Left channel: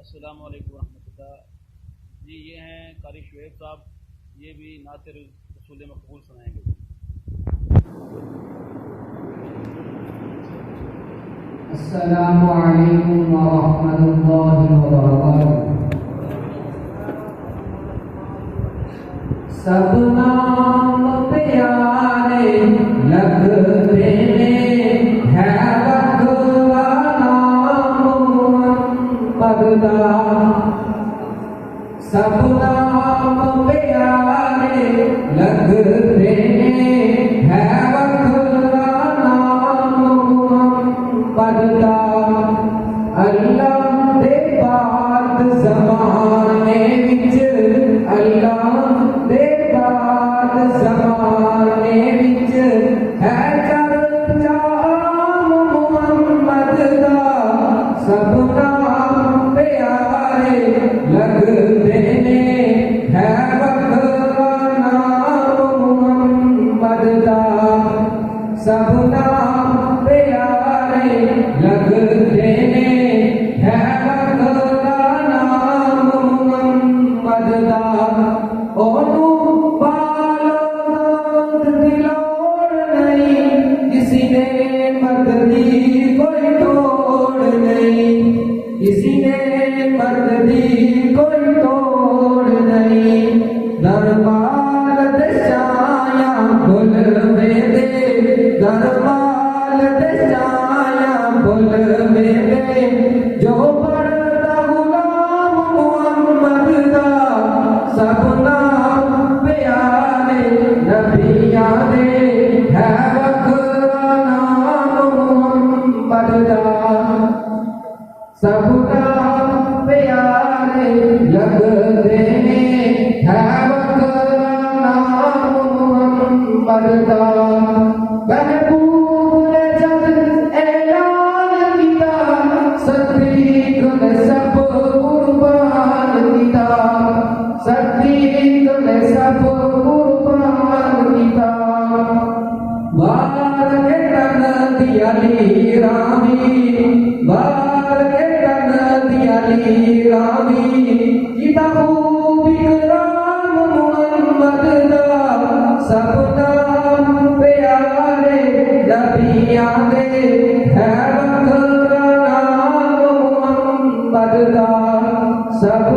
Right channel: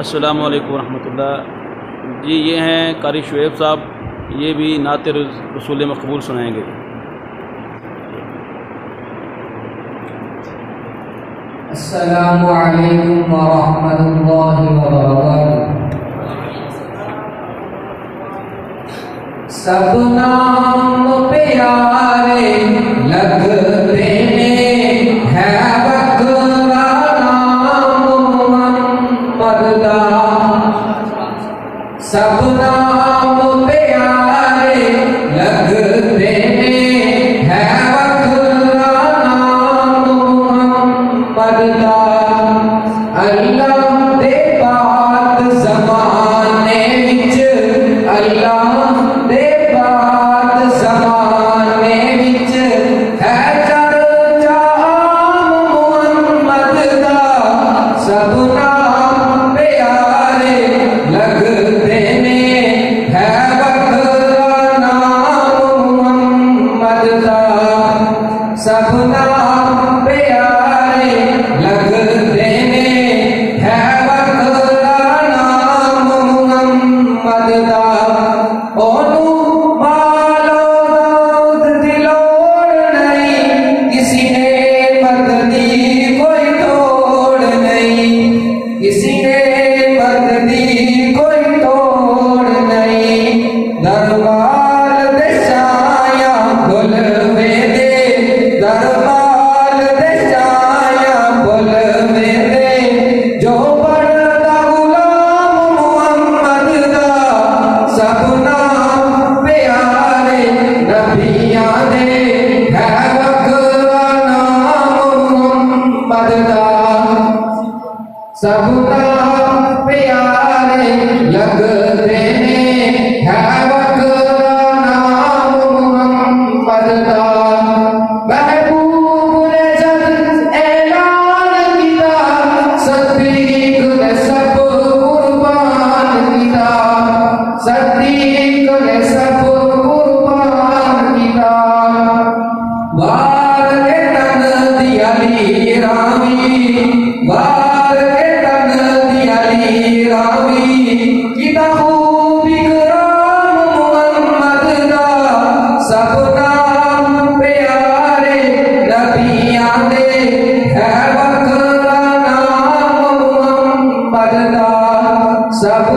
अस्सलामु अलैकुम रहमतुल्लाह। जी ये हैं कारी शुएब साहब, ये भी नात रसूल मकबूल सुनाएंगे। अस्सलामु अलैकुम व रहमतुल्लाहि व बरकातुहू। सब नाम प्यारे लगते ने, है बकरा नाम मोहम्मद दा। सब नाम प्यारे लगते ने, है बकरा नाम मोहम्मद दा। अल्लाह दे पाक ज़माने विच, अल्लाह दे पाक ज़माने विच, है चर्चा आम मोहम्मद दा। सब नाम प्यारे लगते ने, है बकरा नाम मोहम्मद दा। सब नाम प्यारे लगते ने, है बकरा नाम मोहम्मद दा। ओनू पालो दाऊद दी लोड़ नहीं, किसी ने बदली कोई तोड़ नहीं, किसी ने बदली कोई तोड़ नहीं। दरबार दे छाया बुलवे दे, दरबार दे छाया बुलवे दे, जो बड़ा गुलाम मोहम्मद दा। सब नाम प्यारे नबियां दे, है बकरा नाम मोहम्मद दा। सब नाम प्यारे लगते ने, है बकरा नाम मोहम्मद दा। महबूब ने जब ऐलान किया, सदीक ने सब कुर्बान किया, सदीक ने सब कुर्बान किया। वार के तन दिया ली रावी, वार के तन दिया ली रावी, किताबू बिकराम मोहम्मद दा। सब नाम प्यारे नबियां दे, है बकरा नाम मोहम्मद दा। सब